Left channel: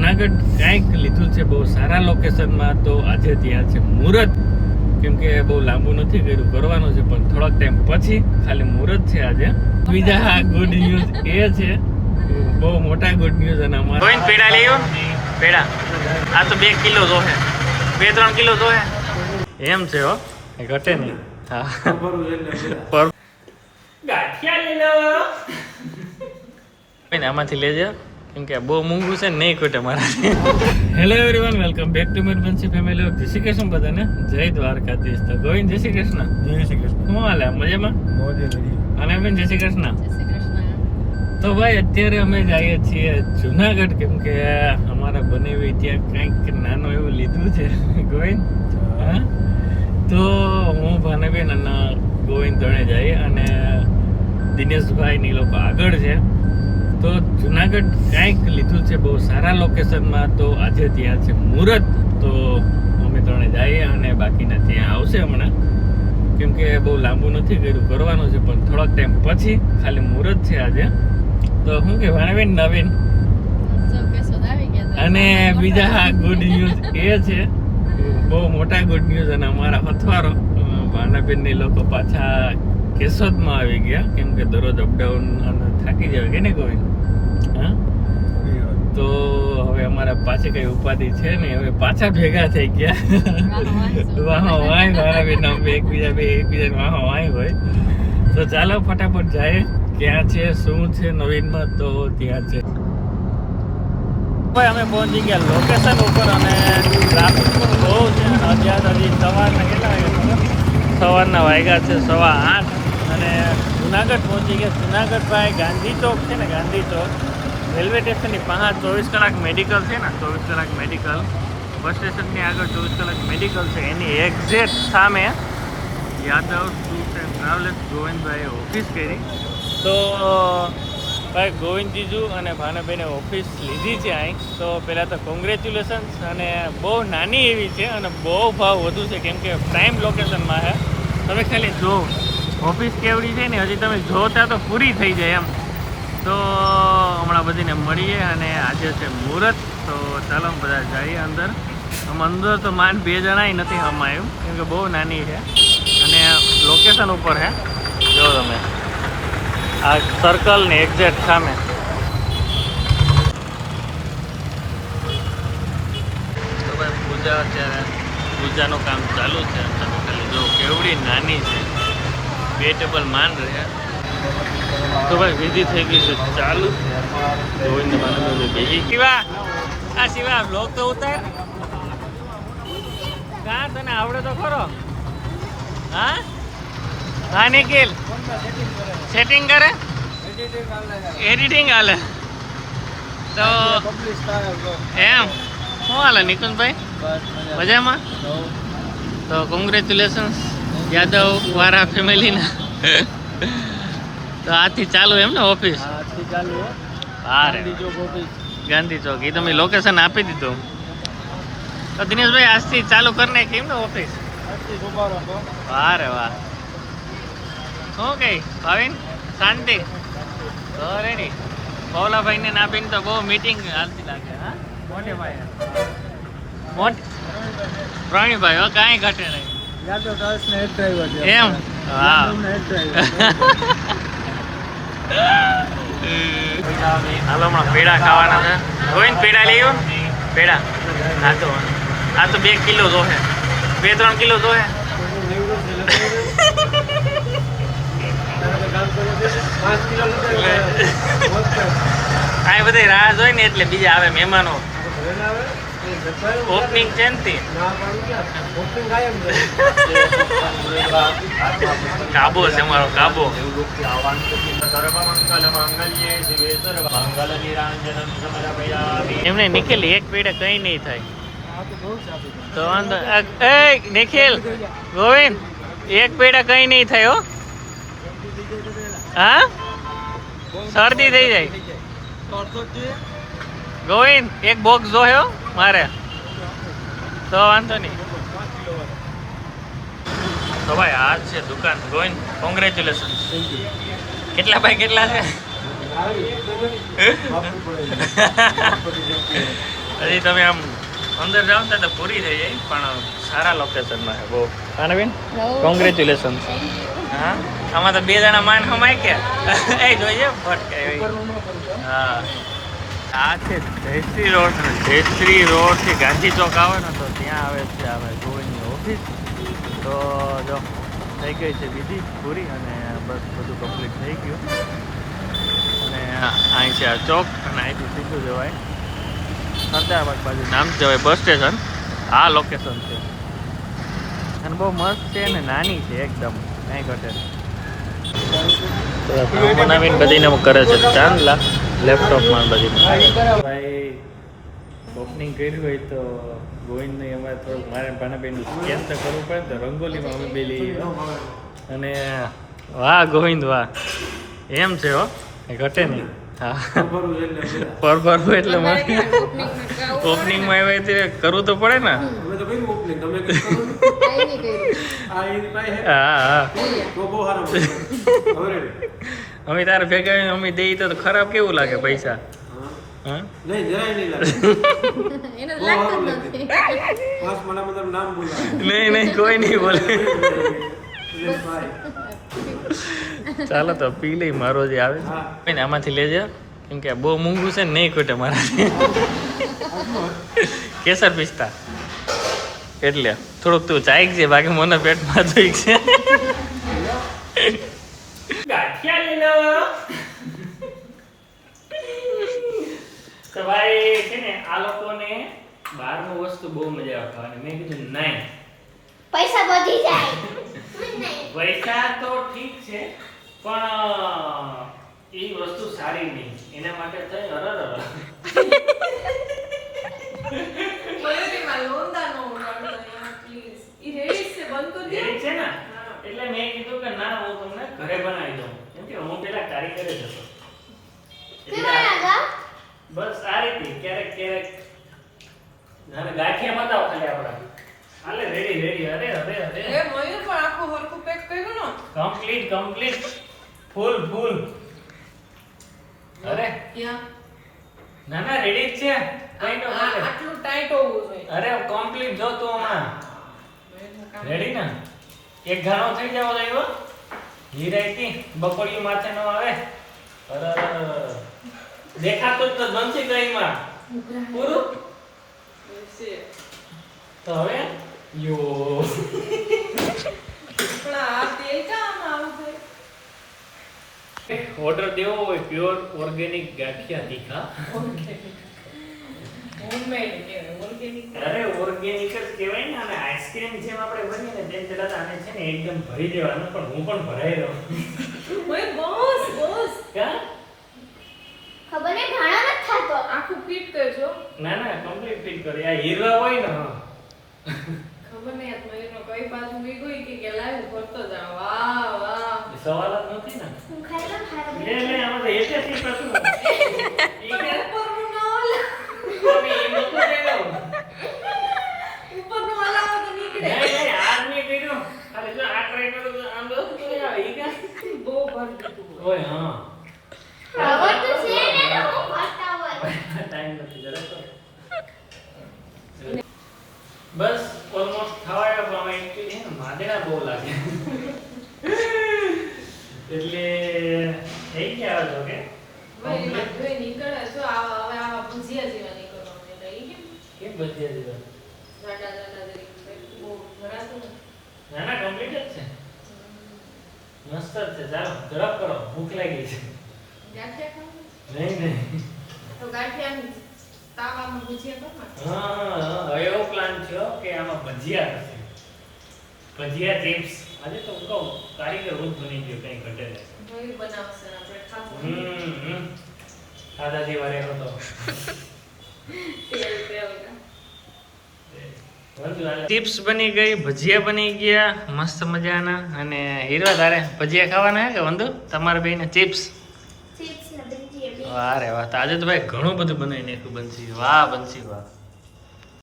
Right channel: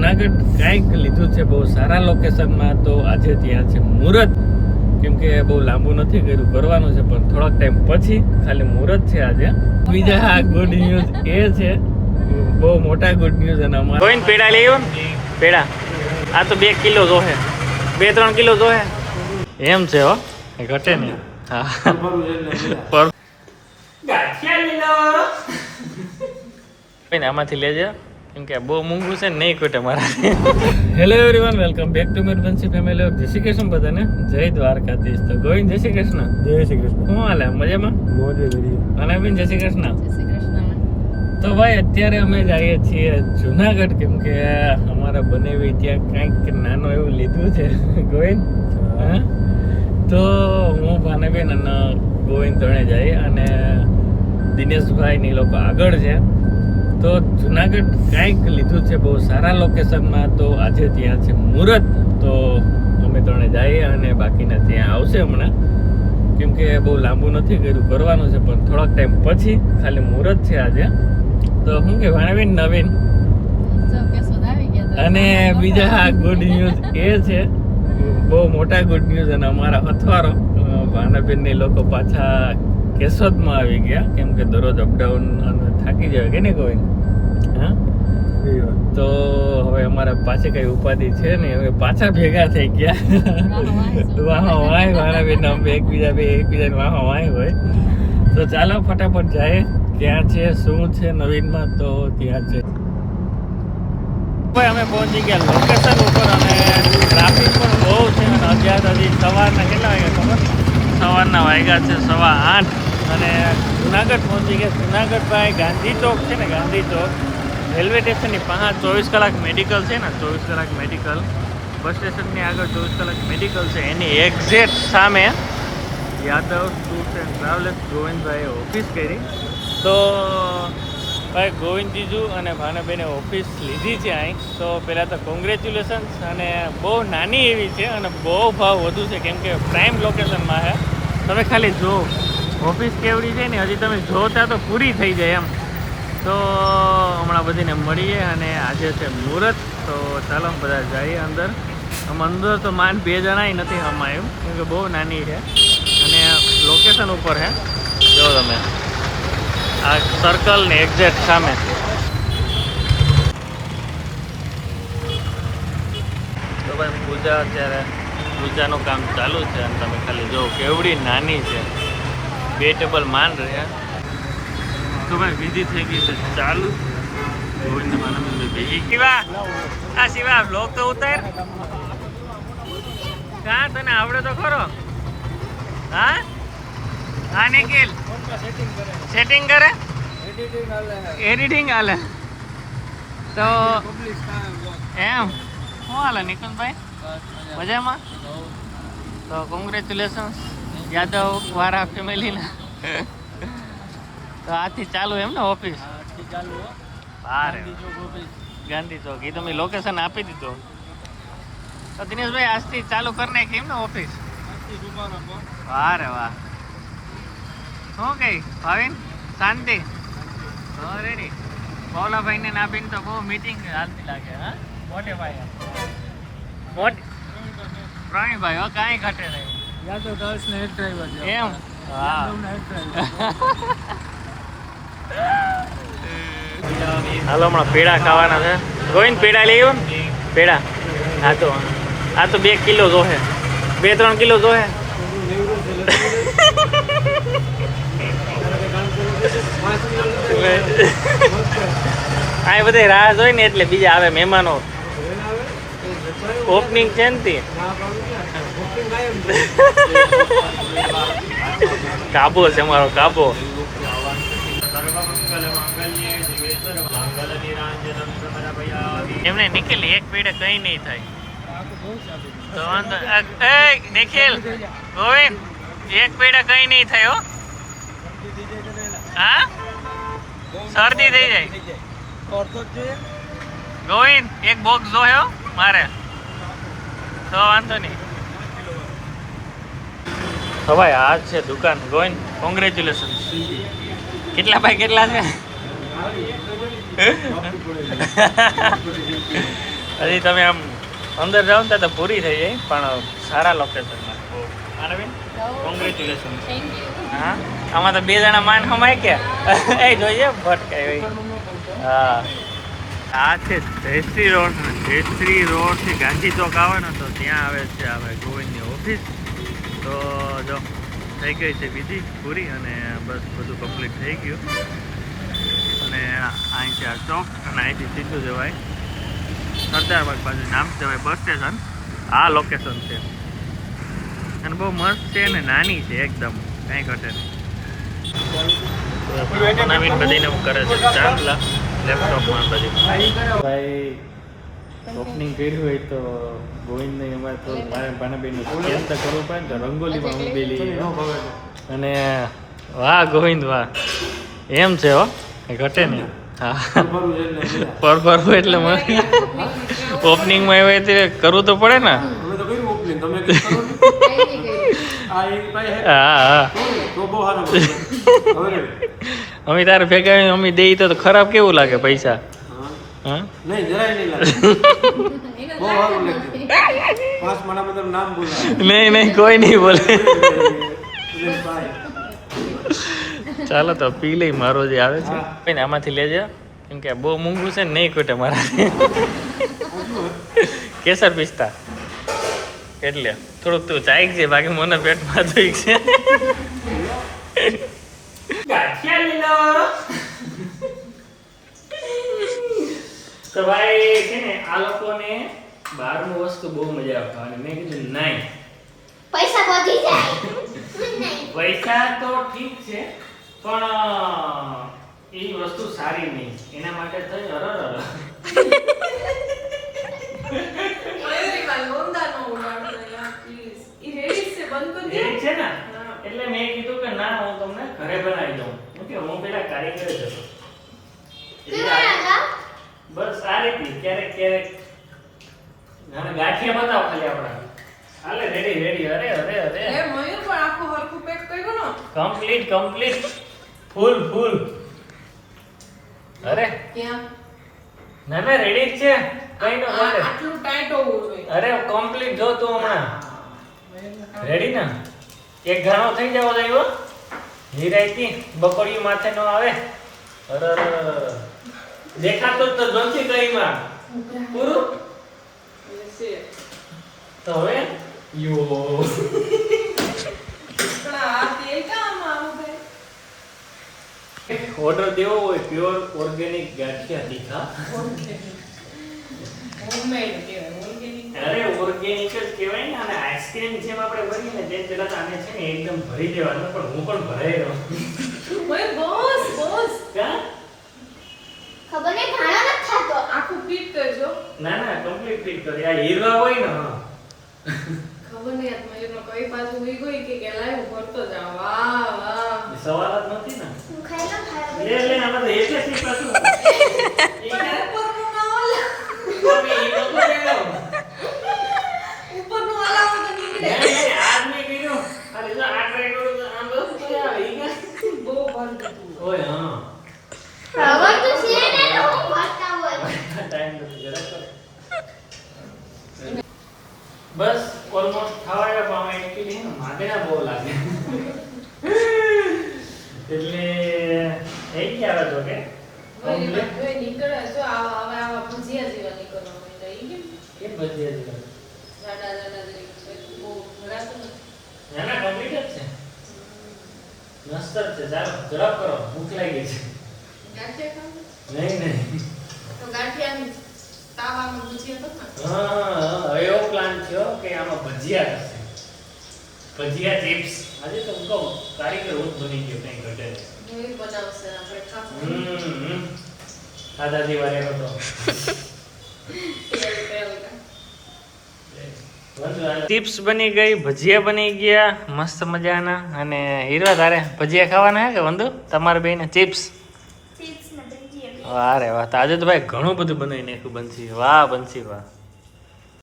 જુનાગઢ કાંઈક લીધું છે બહુ સારા લોકેશનમાં. તો આજે ત્યાં છે મુહૂર્ત, કેમ કે બહુ લાંબુ નથી કર્યું, કરવાનું છે પણ થોડાક ટાઈમ પછી. ખાલી મુહૂર્ત છે આજે. બીજા ગુડ ન્યૂઝ એ છે, બહુ મોટા ગુડ ન્યૂઝ. અને અમારા ગોવિંદ પેડા લઈ આવ્યો ને પેડા. આ તો 2 કિલો જોહે, 2-3 કિલો જોહે એમ છે. હો ઘટે નહીં. હા આમાંથી લેજે, કેમ કે બહુ મોંઘું છે ને, નહીં ખૂટે મારા. Hello everyone, welcome back to Mirbansi family of. જય શ્રી કૃષ્ણ બધાને, જય દ્વારકાધીશ. તો ગોવિંદ જય શ્રી કૃષ્ણ. જય શ્રી કૃષ્ણ. શું હાલે, મજામાં? અને બેન જય શ્રી કૃષ્ણ. તો ભાઈ અત્યારે અમે જઈએ છીએ જુનાગઢ, કેમ કે અમારા બનેવી ત્યાં કાંઈક નાનું એવું લીધું છે ગોવિંદ. હા, તો હું ભાનેબેન અને ગોવિંદ ત્રણે જઈએ, અને દિનેશભાઈ ની લોકો આગળ છે. તો જુનાગઢ કાંઈક લીધું છે બહુ સારા લોકેશનમાં. તો આજે ત્યાં છે મુહૂર્ત, તો અમે ત્રણે જઈએ અને બાકીના ત્યાં આવશે હમણાં, કેમ કે બહુ લાંબુ નથી કર્યું, કરવાનું છે પણ થોડાક ટાઈમ પછી. ખાલી મુહૂર્ત છે આજે. તો શું કે ભાણેબેન નવીન. અને બીજા ગુડ ન્યૂઝ એ છે, બહુ મોટા ગુડ ન્યૂઝ. અને અમારા અથવારો ભાણેબેન ને લોકો પાછા કેશોદમાં આવી ગયા, કેમ કે દરરોજ અપડાઉન અને થાકી જાય કે નહીં કોઈ. હા, તો હવે અમારા પાછી કઈ ઉપાધિ છે નહીં, હવે પાછા ભેગા થઈ ગયા. વાહો વાય ભાણેબેન એકબીજાને વાહો વાય હોય. તો ચાલો ફટાફટ જાય, ક્યાં છે શું છે નવીનમાં. તો ત્યાં છે ભાઈ અમે પહોંચી ગયા લોકેશન ઉપર, અને ટ્રાફિક પણ બહુ છે. અને અત્યારે હજી સવારના કેટલા વાગ્યા ખબર? સવારના વાગ્યા છે 8:15. અને જુનાગઢ પહોંચી ગયા. જુનાગઢ ભાઈ ગાંધી ચોક છે ને, ગાંધી ચોક રેલવે સ્ટેશનની પાસે 24 કલાક મેડિકલ છે ને, 24 કલાક મેડિકલ બસ સ્ટેશનની આગળ 24 કલાક મેડિકલ છે. એની એક્ઝેક્ટ સામે યાદવ ટૂર્સ એન્ડ ટ્રાવેલ્સ ગોવિંદભાઈએ ઓફિસ કરી. તો ભાઈ ગોવિંદ જીજુ અને ભાનાબેને ઓફિસ લીધી છે અહીં. તો પહેલાં તો કોંગ્રેચ્યુલેશન્સ. અને બહુ નાની એવી છે અને બહુ ભાવ વધુ છે, કેમ કે પ્રાઇમ લોકેશનમાં છે. તમે ખાલી જો ઓફિસ કેવડી છે ને, હજી તમે જોતા તો પૂરી થઈ જાય એમ. તો હમણાં બધીને મળીએ, અને આજે છે મુહૂર્ત. તો ચાલો બધા જઈએ અંદર. આમ અંદર તો માંડ 2 જણાય નથી હમાયું, કેમ કે બહુ નાની છે. અને લોકેશન ઉપર છે, જો તમે આ સર્કલ ને એક્ઝેક્ટ સામે. તો ભાઈ પૂજા, અત્યારે પૂજાનું કામ ચાલુ છે. અને તમે ખાલી જો કેવડી નાની છે, 2 ટેબલ માંડ રહ્યા. તો ભાઈ વિધિ થઈ ગઈ છે ચાલુ. ગોવિંદ માને બેસી શિવા, આ શિવા બ્લોગ તો ઉતાર. કાં તને આવડે તો ખરો? હા હા નિખિલ સેટિંગ કરે, એડિટિંગ હાલે. તો એમ શું હાલે નિકુંજભાઈ? મજામાં? તો કોંગ્રેચ્યુલેશન્સ યાદવ વારા ફેમિલીના. તો આજથી ચાલુ એમ ને ઓફિસ? ગાંધી ચોક. એ તમે લોકેશન આપી દીધું. તો દિનેશભાઈ આજથી ચાલુ કરી નાખી એમ ને ઓફિસ? વાહ રે વાહ. શું કઈ ભાવિન શાંતિ? તો રેડી. ભોલાભાઈ ને નાબીન તો બહુ મીટિંગ હાલતી લાગે. હા મોટે ભાઈ પ્રવીણભાઈ હો કાંઈ ઘટે નહીં એમ. હા હાલો હમણાં પેડા ખાવાના છે. ગોવિંદ પેડા લઈ આવ્યો ને પેડા. હા તો આ તો 2 કિલો જોહે, 2-3 કિલો જોહે. આ બધે રાહ જોઈ ને, એટલે બીજા આવે મહેમાનો. ઓપનિંગ છે ને તે કાબો છે મારો કાબો. એમને નિખિલ એક પેડે કઈ નહીં થાય તો વાંધો. એ નિખિલ ગોવિંદ એક પેડે કઈ નહીં થાય હો. હા શરદી થઈ જાય. ગોવિંદ એક બોક્સ જોયો મારે, તો વાંધો નહીં. તો ભાઈ આ છે દુકાન. ગોવિંદ કોંગ્રેચ્યુલેશન. કેટલા ભાઈ કેટલા છે? હજી તમે આમ અંદર જાઓ ને તો પૂરી થઈ જાય, પણ સારા લોકેશનમાં છે બહુ. અને બેન કોંગ્રેચ્યુલેશન. હા, આમાં તો 2 જણા માન હમાય કે એ જોઈએ ભટકાય. હા, આ છે જયશ્રી રોડ. જયશ્રી રોડથી ગાંધી ચોક આવે ને તો ત્યાં આવે છે આવે ગોવિંદની ઓફિસ. તો જો થઈ ગઈ છે વિધિ પૂરી અને બસ બધું કમ્પ્લીટ થઈ ગયું. અને અહીં છે આ ચોક અને અહીંથી સીધું જવાય સરદારબાગ બાજુ. નામ જવાય બસ સ્ટેશન. આ લોકેશન છે અને બહુ મસ્ત છે ને નાની છે એકદમ, કાંઈ ઘટે નહીં. તો બનાવીને બધીને કરે છે ચાંદલા લેપટોપમાં બધી. ભાઈ ઓપનિંગ કર્યું હોય તો ગોવિંદને અમારે તો મારે ભાનાબેનનું સ્કેન તો કરવું પડે તો રંગોલીમાં હું બેલી. અને વાહ ગોવિંદ વાહ, એમ છે હો, ઘટે નહીં. હા, પરભરવું એટલે ઓપનિંગમાં આવ્યા તે કરવું તો પડે ને. હા હા, અમે તારે ભેગા અમે દઈ તો ખરાબ કેવું લાગે પૈસા? હા નહીં નહીં કોઈ નહીં બોલે. ચાલો તો પી લઈ મારો જે આવે છે ને આમાંથી લેજો, કેમ કે બહુ મોંઘું છે ને નહીં ખૂટે મારા. કેસર પિસ્તા એટલે થોડુંક તું ચાઈક છે, બાકી મને પેટમાં જોઈ છે. તો ભાઈ છે ને આ લોકોને બહારનું વસ્તુ બહુ મજા આવે ખાવાની. મેં કીધું નહીં, પૈસા વધી જાય. પૈસા તો ઠીક છે પણ એ વસ્તુ સારી નહીં, એના માટે તો છે ને. એટલે મેં કીધું કે ના હું તમને ઘરે બનાવી દઉં. હું પેલા કારીગર જ હતો. બસ આ રીતે ક્યારેક ક્યારેક ગાંઠિયા બતાવો ખાલી આપણે. હાલે રેડી રેડી. અરે અરે અરે એ મોયું પણ આખું હરખું પેક કર્યો ને. કમ્પ્લીટ ફૂલ. અરે ક્યાં? ના ના રેડી જ છે, કઈ ન હાલે. આટલું ટાઈટ હોવું જોઈએ. અરે કમ્પ્લીટ જો તું હમણાં રેડી ને. એક ઘાણો થઈ જાવ તો નિરાયતી બપોરિયું માથે ન આવે. અરે દેખાતો જ તો જોનથી ગઈમાં પૂરું. તો હવે યો પણ આ તે કામ આવું થાય. ઓર્ડર દેવો હોય પ્યોર ઓર્ગેનિક ગાંઠિયા તીખા. હોમમેડ કે ઓર્ગેનિક. અરે ઓર્ગેનિક જ કહેવાય ને. અને આઈસ્ક્રીમ જેમ આપણે ભરીએ ને તેમ પેલા તો આને છે ને એકદમ ભરી દેવાનું, પણ હું પણ ભરાઈ રહ્યો. ઓય બોસ ક્યાં ખબર નહીં ભાણા નથી થાતો. આખું ફિટ કરજો. ના ના કમ્પ્લીટ ફિટ કરી. આ હીરવા હોય ને ખબર નહીં આ મયુરનો કઈ બાજુ ઉઈ ગઈ કે લાવ ભરતો જાવ. વાહ વાહ, એ સવાલ જ નથી ને. હું ખાઈ લઉં ખાઈ લે લે આમાં તો એક જ સીટ હતું. ઉપરનું ના ઓલા. તમે એ લોકો લઈ લો. ઉપરનું ઓલા તો નીકળે. નહીં આજ મેં કર્યું. ખાલી જો આ ટ્રાય કરું તો આમ બસ તો આવે ઈ કે બહુ ભર દીધું. ઓય હા હવે તો છે ને તો હું ભરતા હોય. ટાઈમ નથી જરાક તો. બસ ઓલમોસ્ટ થવાયો પણ આમાં એકચ્યુઅલી હે માદરા બહુ લાગે એટલે થઈ ગયા જો કે ભાઈ જોઈ નીકળે જો આવા ભજીયા જેવા નીકળવા માંડ્યા. ઈ કેમ? એ બધી હતી જાડા જેવી છે. બહુ ભરાતું નથી. ના ના કમ્પ્લીટ જ છે. મસ્ત જ છે. ચાલો ઝડપ કરો, ભૂખ લાગી છે. ગાંઠિયા ખાવું? નહીં તો ગાંઠિયા તાવામાં ભજીયા કર નાખ. હા એવો પ્લાન થયો કે આમાં ભજીયા થશે. ભજીયા ચિપ્સ. આજે તો હું કહું કારીગર હું જ બની ગયો, કંઈ ઘટે નહીં. મોઈ બનાવશે આપણે ખાવાનું. ખાધા જેવા રહ્યો હતો. ટિપ્સ બની ગઈ, ભજીયા બની ગયા મસ્ત મજાના. અને હીરવા તારે ભજીયા ખાવાના હે કે વંદુ તમારે બેને ચિપ્સ? ચિપ્સ ને ભજીયા. વાહ રે વાહ, તો આજે તો ભાઈ ઘણું બધું બનાવી નાખ્યું બંસી. વાહ બંસી વાહ.